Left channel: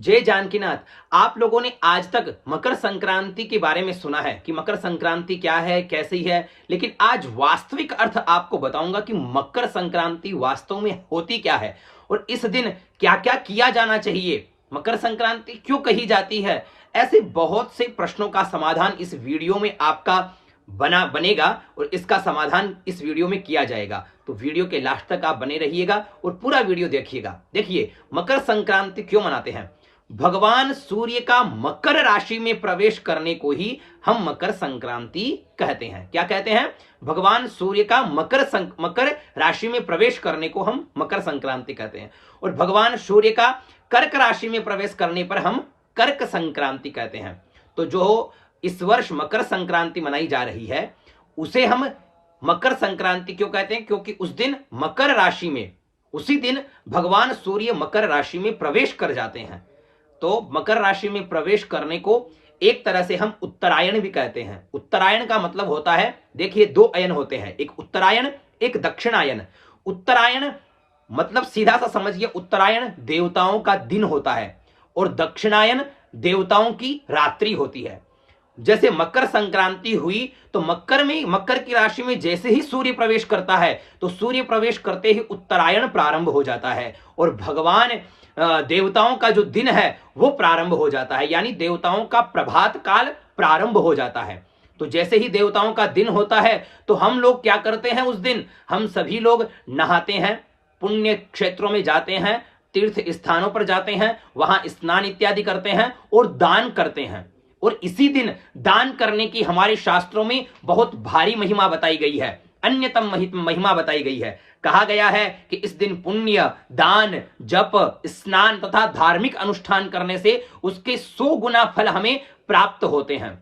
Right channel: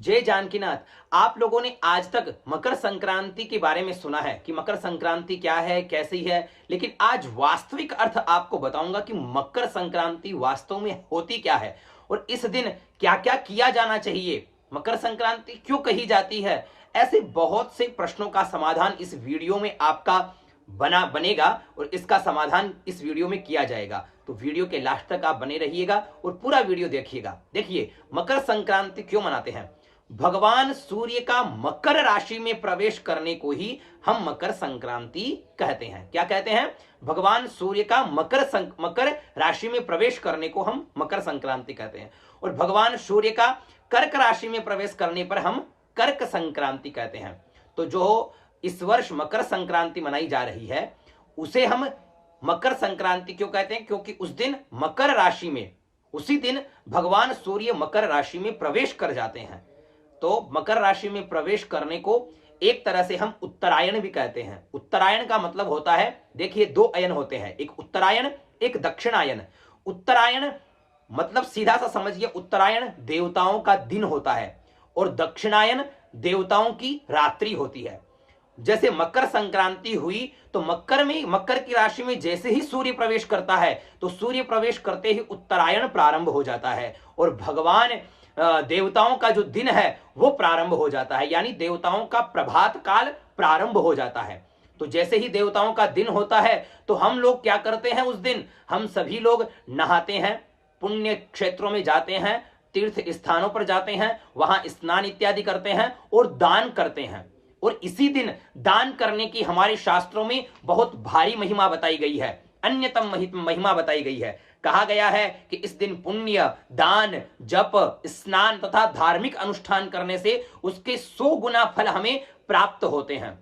जय जानकीनाथ। आप लोगों ने आज तक मकर संक्रांति के बारे में सुना है कि मकर संक्रांति क्या है, कैसी है, लेकिन आज वास्तविक अर्थ आपको बताऊंगा कि मकर संक्रांति वास्तव में होती क्या है और इस दिन क्या क्या किया जाना चाहिए, मकर संक्रांति क्यों कही जाती है। ऐसे बहुत से प्रश्नों का समाधान इस वीडियो में आपका बनेगा और इसका समाधान इस वीडियो में किया जाएगा। तो वीडियो के लास्ट तक आप बने रहिएगा और पूरा वीडियो देखिएगा। देखिए, मकर संक्रांति क्यों मनाते हैं। भगवान सूर्य का मकर राशि में प्रवेश करने को ही हम मकर संक्रांति कहते हैं। क्या कहते हैं? भगवान सूर्य का मकर राशि में प्रवेश करने को हम मकर संक्रांति कहते हैं और भगवान सूर्य का कर्क राशि में प्रवेश करने पर हम कर्क संक्रांति कहते हैं। तो जो इस वर्ष मकर संक्रांति मनाई जा रही है उसे हम मकर संक्रांति क्यों कहते हैं? क्योंकि उस दिन मकर राशि में, उसी दिन भगवान सूर्य मकर राशि में प्रवेश कर जाते हैं। तो मकर राशि में प्रवेश करने को एक तरह से हम उत्तरायण भी कहते हैं। उत्तरायण का मतलब होता है, देखिए दो अयन होते हैं, एक उत्तरायण एक दक्षिणायन। उत्तरायण मतलब सीधा सा समझिए, उत्तरायण देवताओं का दिन होता है और दक्षिणायन देवताओं की रात्रि होती है। जैसे मकर संक्रांति हुई तो मकर की राशि में जैसे ही सूर्य प्रवेश करता है तो सूर्य प्रवेश करते ही उत्तरायण प्रारंभ हो जाता है और भगवान देवताओं का जो दिन है वो प्रारंभ हो जाता है, यानी देवताओं का प्रभात काल प्रारंभ हो जाता है। तो जैसे ही देवताओं का दिन होता है तो हम लोग क्या करते हैं, उस दिन हम सभी लोग नहाते हैं, पुण्य क्षेत्रों में जाते हैं, तीर्थ स्थानों पर जाते हैं, वहां स्नान इत्यादि करते हैं और दान करते हैं। और इसी दिन दान करने की हमारे शास्त्रों में बहुत भारी महिमा बताई गई है, अन्यतम महिमा बताई गई है। कहा गया है कि इस दिन पुण्य, दान, जप, स्नान तथा धार्मिक अनुष्ठान करने से उसके 100 गुना फल हमें प्राप्त होते हैं।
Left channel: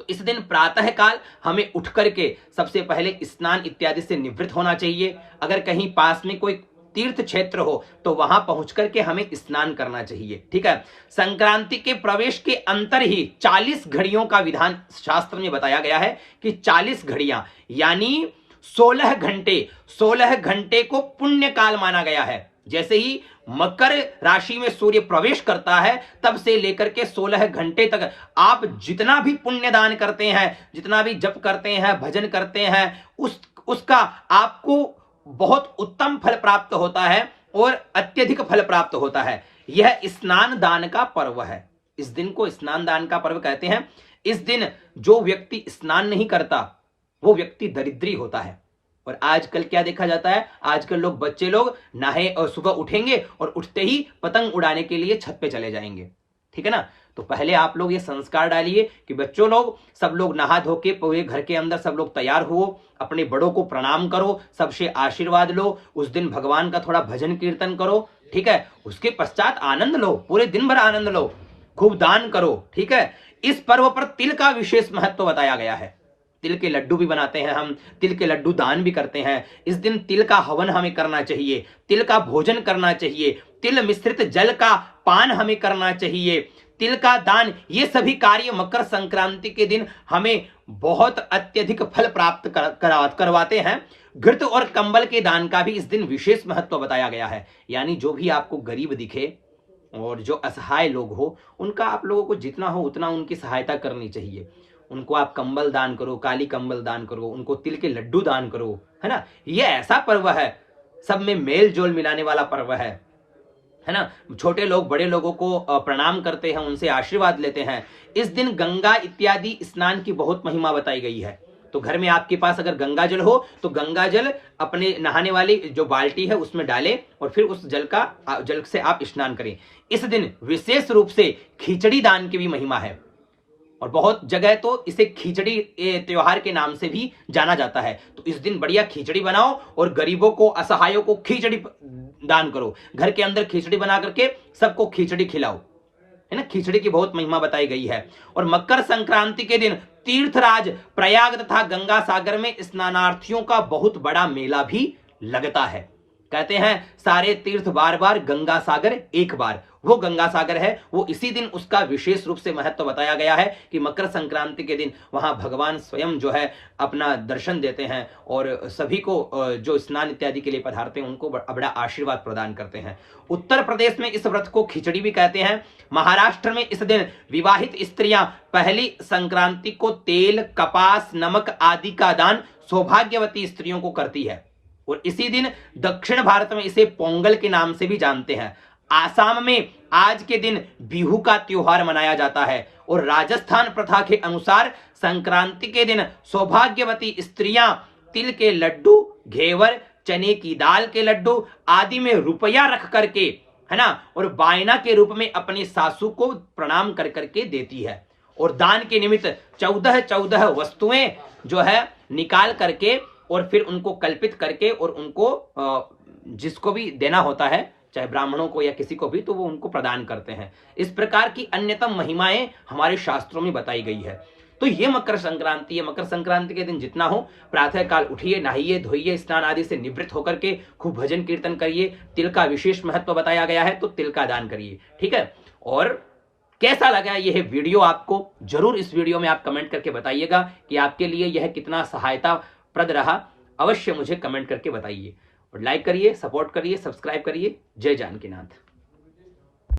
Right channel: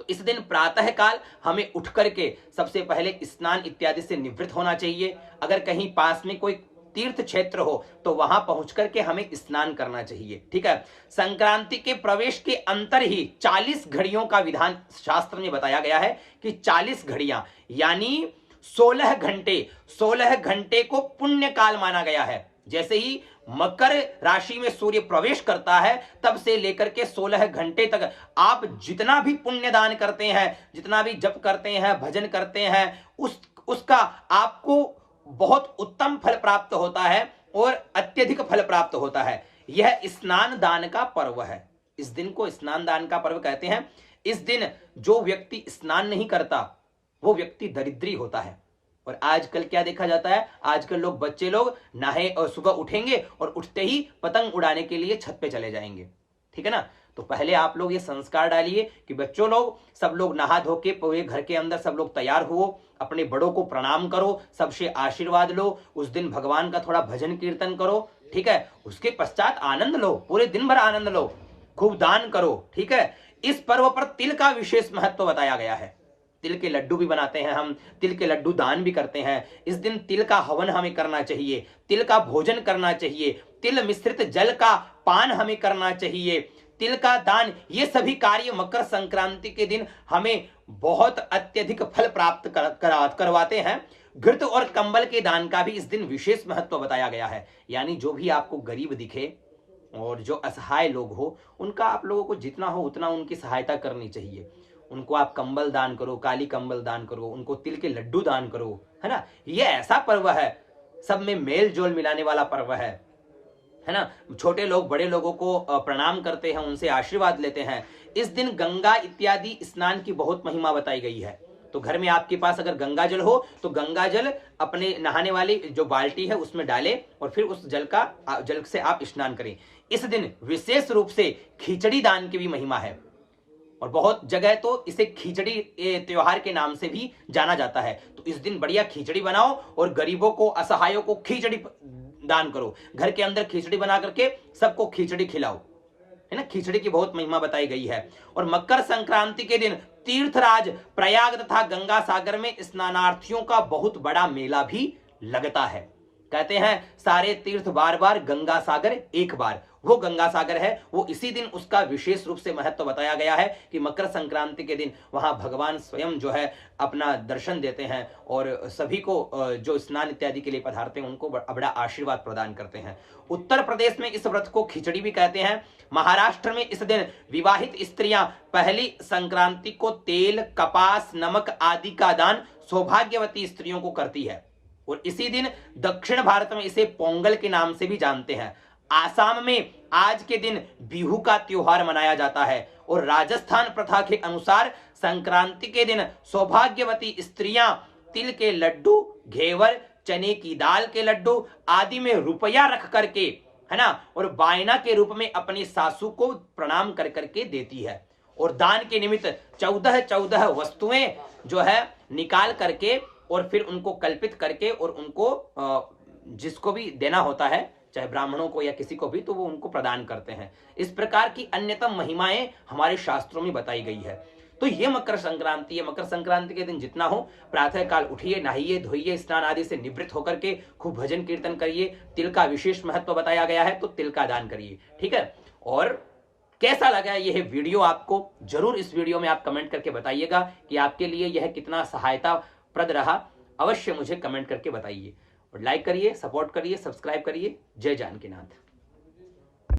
तो इस दिन प्रातः काल हमें उठ करके सबसे पहले स्नान इत्यादि से निवृत्त होना चाहिए। अगर कहीं पास में कोई तीर्थ क्षेत्र हो तो वहां पहुंच करके हमें स्नान करना चाहिए। ठीक है। संक्रांति के प्रवेश के अंतर ही 40 घड़ियों का विधान शास्त्र में बताया गया है कि 40 घड़ियां यानी 16 घंटे को पुण्य काल माना गया है। जैसे ही मकर राशि में सूर्य प्रवेश करता है तब से लेकर के 16 घंटे तक आप जितना भी पुण्य दान करते हैं, जितना भी जप करते हैं, भजन करते हैं, उसका आपको बहुत उत्तम फल प्राप्त होता है और अत्यधिक फल प्राप्त होता है। यह स्नान दान का पर्व है। इस दिन को स्नान दान का पर्व कहते हैं। इस दिन जो व्यक्ति स्नान नहीं करता वो व्यक्ति दरिद्री होता है। और आजकल क्या देखा जाता है, आजकल बच्चे लोग नहाए और सुबह उठेंगे और उठते ही पतंग उड़ाने के लिए छत पे चले जाएंगे। ठीक है ना। तो पहले आप लोग ये संस्कार डालिए कि बच्चों लोग सब लोग नहा धो के पूरे घर के अंदर सब लोग तैयार हो, अपने बड़ों को प्रणाम करो, सबसे आशीर्वाद लो, उस दिन भगवान का थोड़ा भजन कीर्तन करो। ठीक है। उसके पश्चात आनंद लो, पूरे दिन भर आनंद लो, खूब दान करो। ठीक है। इस पर्व पर तिल का विशेष महत्व बताया गया है। तिल के लड्डू भी बनाते हैं हम, तिल के लड्डू दान भी करते हैं। इस दिन तिल का हवन हमें करना चाहिए, तिल का भोजन करना चाहिए, तिल मिश्रित जल का पान हमें करना चाहिए, तिल का दान, ये सभी कार्य मकर संक्रांति के दिन हमें बहुत अत्यधिक फल प्राप्त करवाते हैं। घृत और कंबल के दान का भी इस दिन विशेष महत्व बताया गया है। यानी जो भी आपको गरीब दिखे और जो असहाय लोग हो उनका आप लोगों को जितना हो उतना उनकी सहायता करनी चाहिए। उनको आप कंबल दान करो, काली कंबल दान करो, उनको तिल के लड्डू दान करो, है ना। ये ऐसा पर्व है, सब में मेल जोल मिलाने वाला पर्व है ना। छोटे लोग बड़े लोगों को प्रणाम करते हैं, उनसे आशीर्वाद लेते हैं। इस दिन गंगा इत्यादि स्नान की बहुत महिमा बताई गई है। तो घर में आपके पास अगर गंगा जल हो तो गंगा जल अपने नहाने वाली जो बाल्टी है उसमें डालें और फिर उस जल से आप स्नान करें। इस दिन विशेष रूप से खिचड़ी दान की भी महिमा है और बहुत जगह तो इसे खिचड़ी त्योहार के नाम से भी जाना जाता है। तो इस दिन बढ़िया खिचड़ी बनाओ और गरीबों को, असहायों को खिचड़ी दान करो। घर के अंदर खिचड़ी बना करके सबको खिचड़ी खिलाओ, है ना। खिचड़ी की बहुत महिमा बताई गई है। और मकर संक्रांति के दिन तीर्थराज प्रयाग तथा गंगा सागर में स्नानार्थियों का बहुत बड़ा मेला भी लगता है। कहते हैं सारे तीर्थ बार बार, गंगा सागर एक बार। वो गंगा सागर है, वो इसी दिन उसका विशेष रूप से महत्व बताया गया है कि मकर संक्रांति के दिन वहां भगवान स्वयं जो है अपना दर्शन देते हैं और सभी को जो स्नान इत्यादि के लिए पधारते हैं उनको बड़ा आशीर्वाद प्रदान करते हैं। उत्तर प्रदेश में इस व्रत को खिचड़ी भी कहते हैं। महाराष्ट्र में इस दिन विवाहित स्त्रियां पहली संक्रांति को तेल, कपास, नमक आदि का दान सौभाग्यवती स्त्रियों को करती है। और इसी दिन दक्षिण भारत में इसे पोंगल के नाम से भी जानते हैं। आसाम में आज के दिन बिहू का त्योहार मनाया जाता है और राजस्थान प्रथा के अनुसार संक्रांति के दिन सौभाग्यवती स्त्रियां तिल के लड्डू, घेवर, चने की दाल के लड्डू आदि में रुपया रख करके, है ना, और बायना के रूप में अपनी सासू को प्रणाम कर करके देती है। और दान के निमित्त 14 वस्तुएं जो है निकाल करके और फिर उनको कल्पित करके और उनको जिसको भी देना होता है, चाहे ब्राह्मणों को या किसी को भी, तो वो उनको प्रदान करते हैं। इस प्रकार की अन्यतम महिमाएं हमारे शास्त्रों में बताई गई है। तो ये मकर संक्रांति है। मकर संक्रांति के दिन जितना हो प्रातः काल उठिए, नहाइए धोइए, स्नान आदि से निवृत्त होकर के खूब भजन कीर्तन करिए। तिल का विशेष महत्व बताया गया है तो तिल का दान करिए, ठीक है। और कैसा लगा यह वीडियो आपको, जरूर इस वीडियो में आप कमेंट करके बताइएगा कि आपके लिए यह कितना सहायता प्रद रहा। अवश्य मुझे कमेंट करके बताइए और लाइक करिए, सपोर्ट करिए, सब्सक्राइब करिए। जय जानकीनाथ।